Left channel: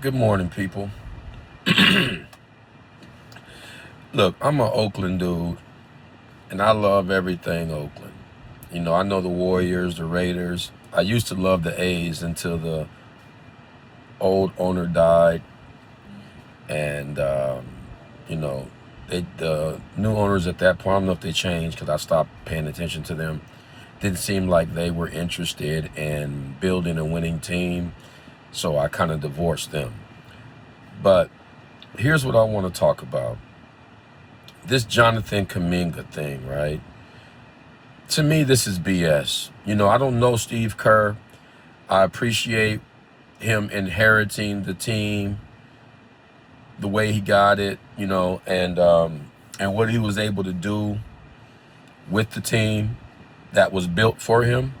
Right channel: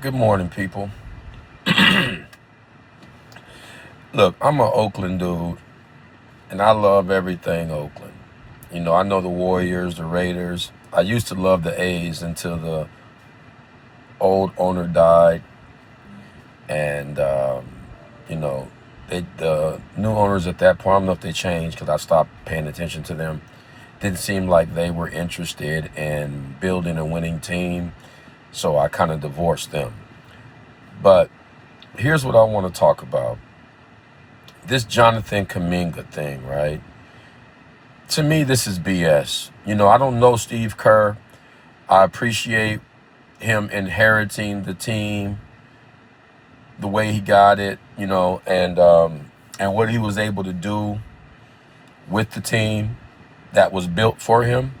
Good morning, people. Look, I'm an Oakland dude, and I love everything Oakland. I know the Warriors, the Raiders. I used to love the A's until the old owner died, and you know, the new owners at that point. I don't know if they changed because I stopped paying attention to them. Didn't seem like they were interested in building a winning team, so I kind of divorced them. But here's what I want to talk about. This Jonathan Kuminga thing, right? To me, this is BS. I don't know Steve Kerr. I appreciate him inheriting the team the way he got it, and what he was able to do with the team that was built for him.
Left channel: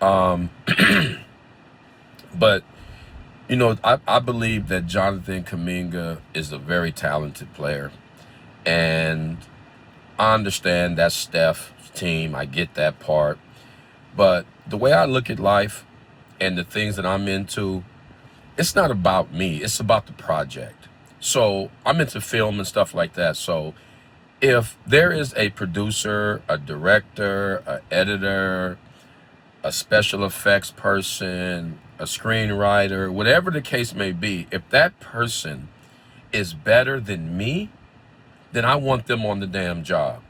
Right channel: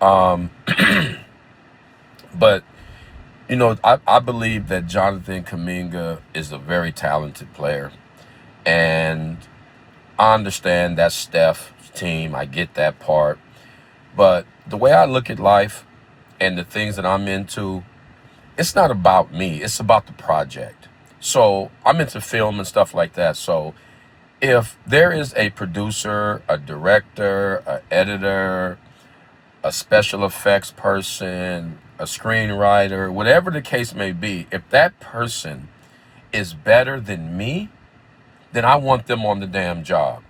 Um, but I believe that Jonathan Kuminga is a very talented player, and I understand that's Steph's team. I get that part. But the way I look at life and the things that I'm into, it's not about me. It's about the project. So I'm into film and stuff like that. So if there is a producer, a director, an editor, a special effects person, a screenwriter, whatever the case may be, if that person is better than me, then I want them on the damn job.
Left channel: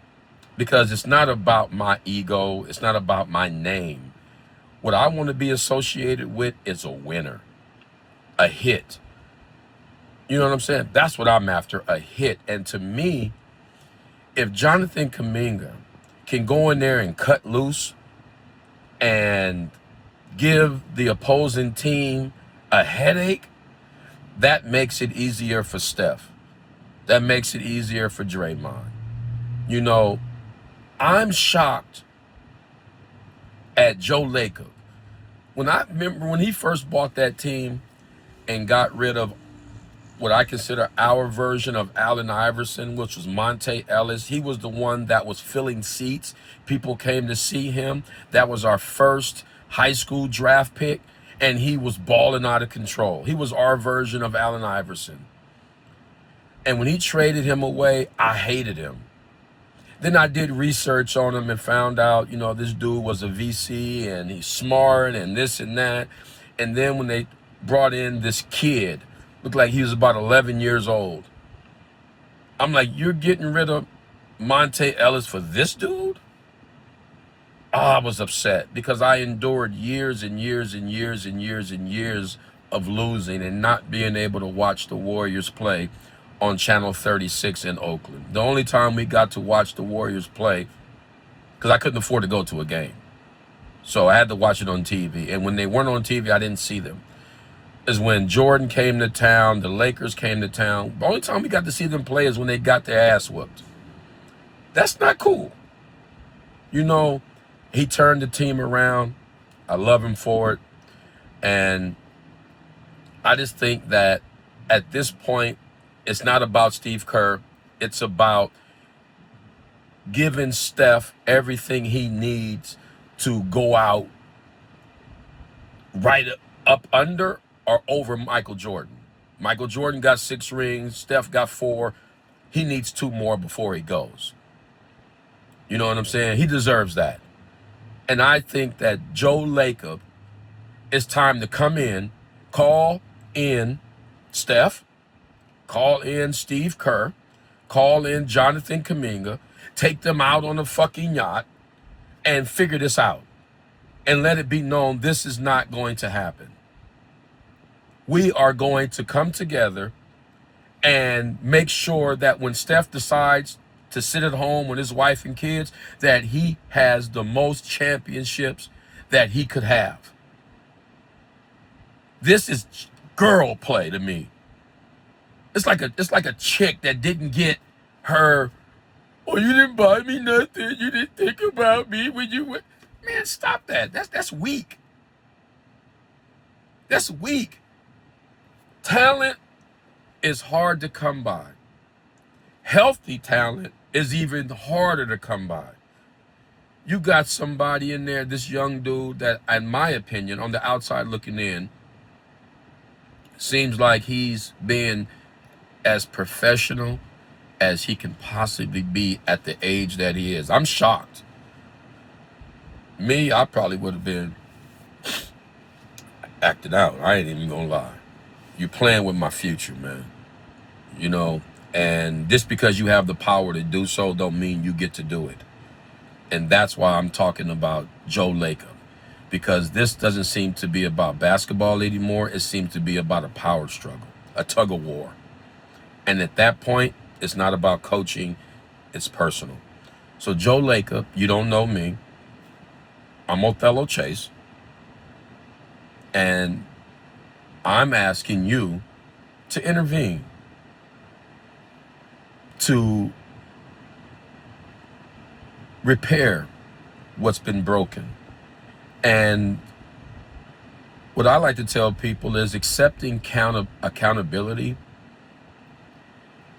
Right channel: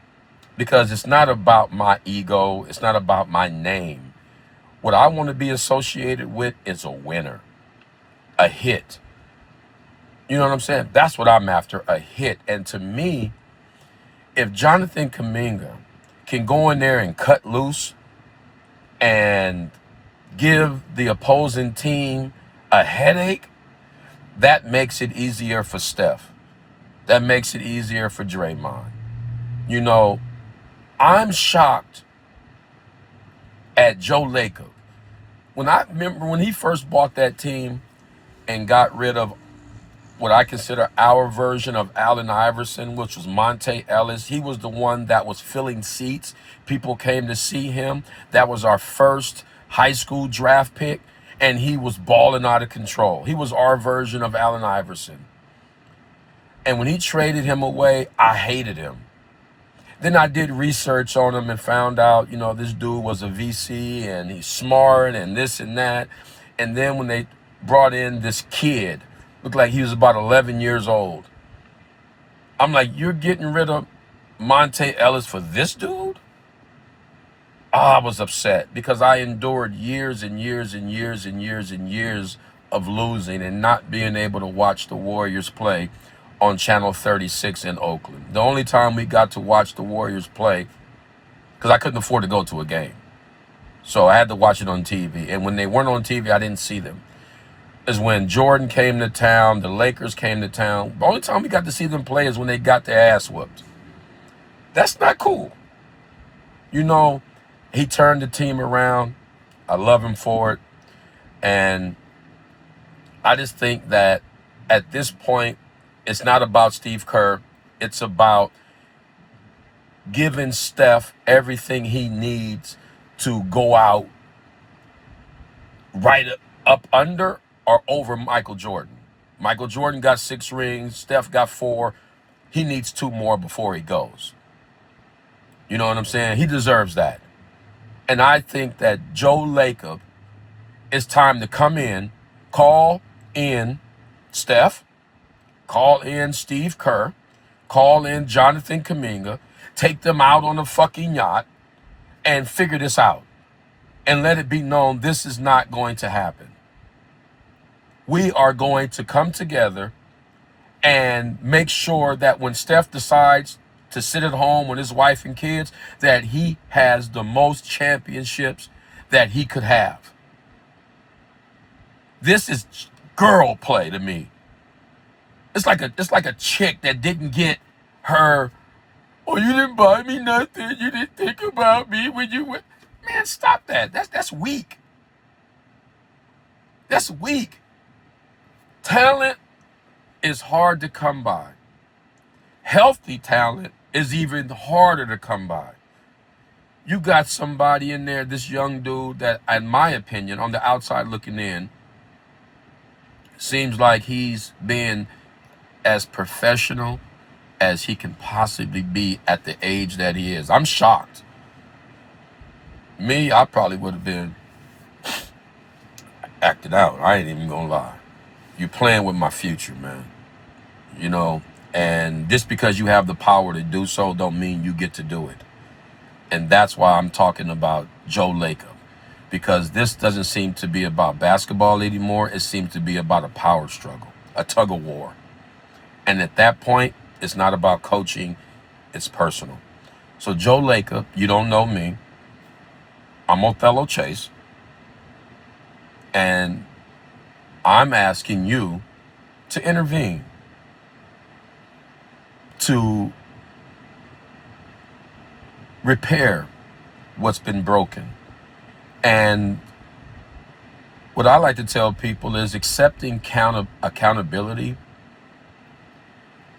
Because it's not about my ego. It's not about my name. What I want to be associated with is a winner, a hit. You know what I'm saying? That's what I'm after, a hit. And to me, if Jonathan Kuminga can go in there and cut loose and give the opposing team a headache, that makes it easier for Steph. That makes it easier for Draymond. You know, I'm shocked at Joe Lacob. When I remember when he first bought that team and got rid of what I consider our version of Allen Iverson, which was Monte Ellis. He was the one that was filling seats. People came to see him. That was our first high school draft pick, and he was balling out of control. He was our version of Allen Iverson. And when he traded him away, I hated him. Then I did research on him and found out, this dude was a VC and he's smart and this and that. And then when they brought in this kid, looked like he was about 11 years old. I'm like, you're getting rid of Monte Ellis for this dude? I was upset because I endured years and years and years and years and years of losing and not being able to watch the Warriors play on Channel 36 in Oakland. The only time we got to watch the Warriors play, because I couldn't afford to go to a game. So I had to watch it on TV. And when they weren't on TV, I didn't see them. Is when Jordan came to town, the Lakers came to town. The only time we got to see them play is when they got their ass whooped. That's not cool. He turned the team around. I love him for it. And I just think that at this point, it's not about Steve Kerr. It's about giving Steph everything he needs to go out right up under or over Michael Jordan. Michael Jordan got 6 rings. Steph got 4. He needs 2 more before he goes. You know what I'm saying? He deserves that. And I think that Joe Lacob, it's time to come in, call in Steph, call in Steve Kerr, call in Jonathan Kuminga, take them out on a fucking yacht, and figure this out. And let it be known this is not going to happen. We are going to come together and make sure that when Steph decides to sit at home with his wife and kids, that he has the most championships that he could have. This is girl play to me. It's like a chick that didn't get her, oh, you didn't buy me nothing. You didn't think about me when you went. Man, stop that. That's weak. That's weak. Talent is hard to come by. Healthy talent is even harder to come by. You got somebody in there, this young dude that, in my opinion, on the outside looking in, Seems like he's being as professional as he can possibly be at the age that he is. I'm shocked. Me, I probably would have been acted out. I ain't even gonna lie. You playing with my future, man. You know, and just because you have the power to do so don't mean you get to do it. And that's why I'm talking about Joe Lacob. Because this doesn't seem to be about basketball anymore. It seems to be about a power struggle, a tug of war. And at that point, it's not about coaching, it's personal. So Joe Lacob, you don't know me. I'm Othello Chase. And I'm asking you to intervene, to repair what's been broken. And what I like to tell people is accepting accountability.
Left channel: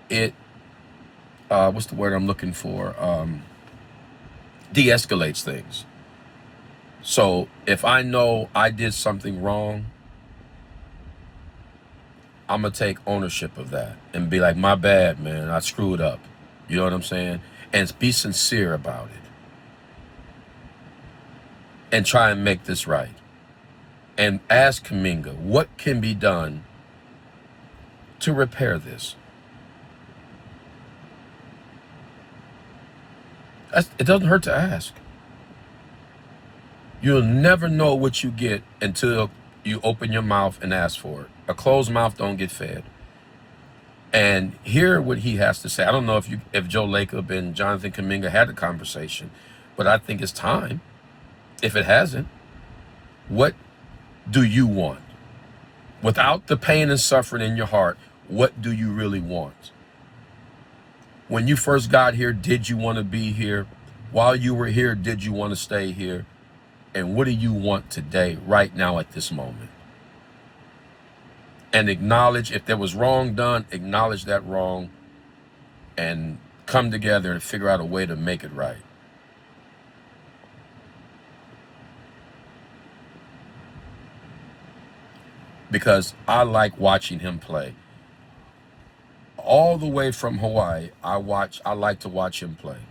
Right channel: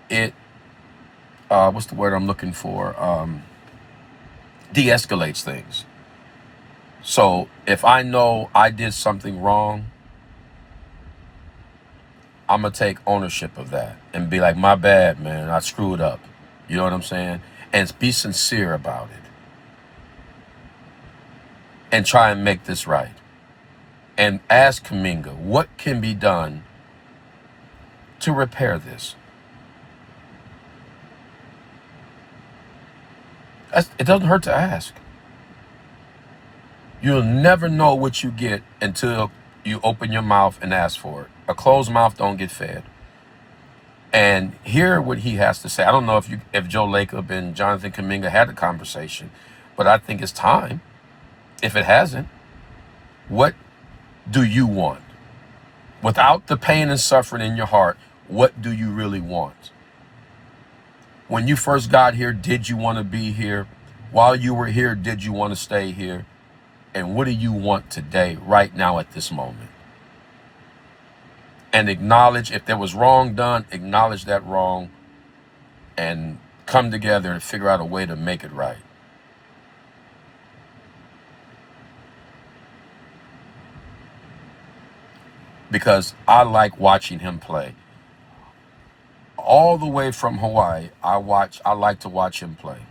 It, what's the word I'm looking for? De-escalates things. So if I know I did something wrong, I'm going to take ownership of that and be like, my bad, man, I screwed up. You know what I'm saying? And be sincere about it. And try and make this right. And ask Cumingo, what can be done to repair this? It doesn't hurt to ask. You'll never know what you get until you open your mouth and ask for it. A closed mouth don't get fed. And hear what he has to say. I don't know if Joe Lacob and Jonathan Kuminga had a conversation, but I think it's time. If it hasn't, what do you want? Without the pain and suffering in your heart, what do you really want? When you first got here, did you want to be here? While you were here, did you want to stay here? And what do you want today, right now, at this moment? And acknowledge if there was wrong done, acknowledge that wrong and come together and figure out a way to make it right. Because I like watching him play. All the way from Hawaii, I like to watch him play.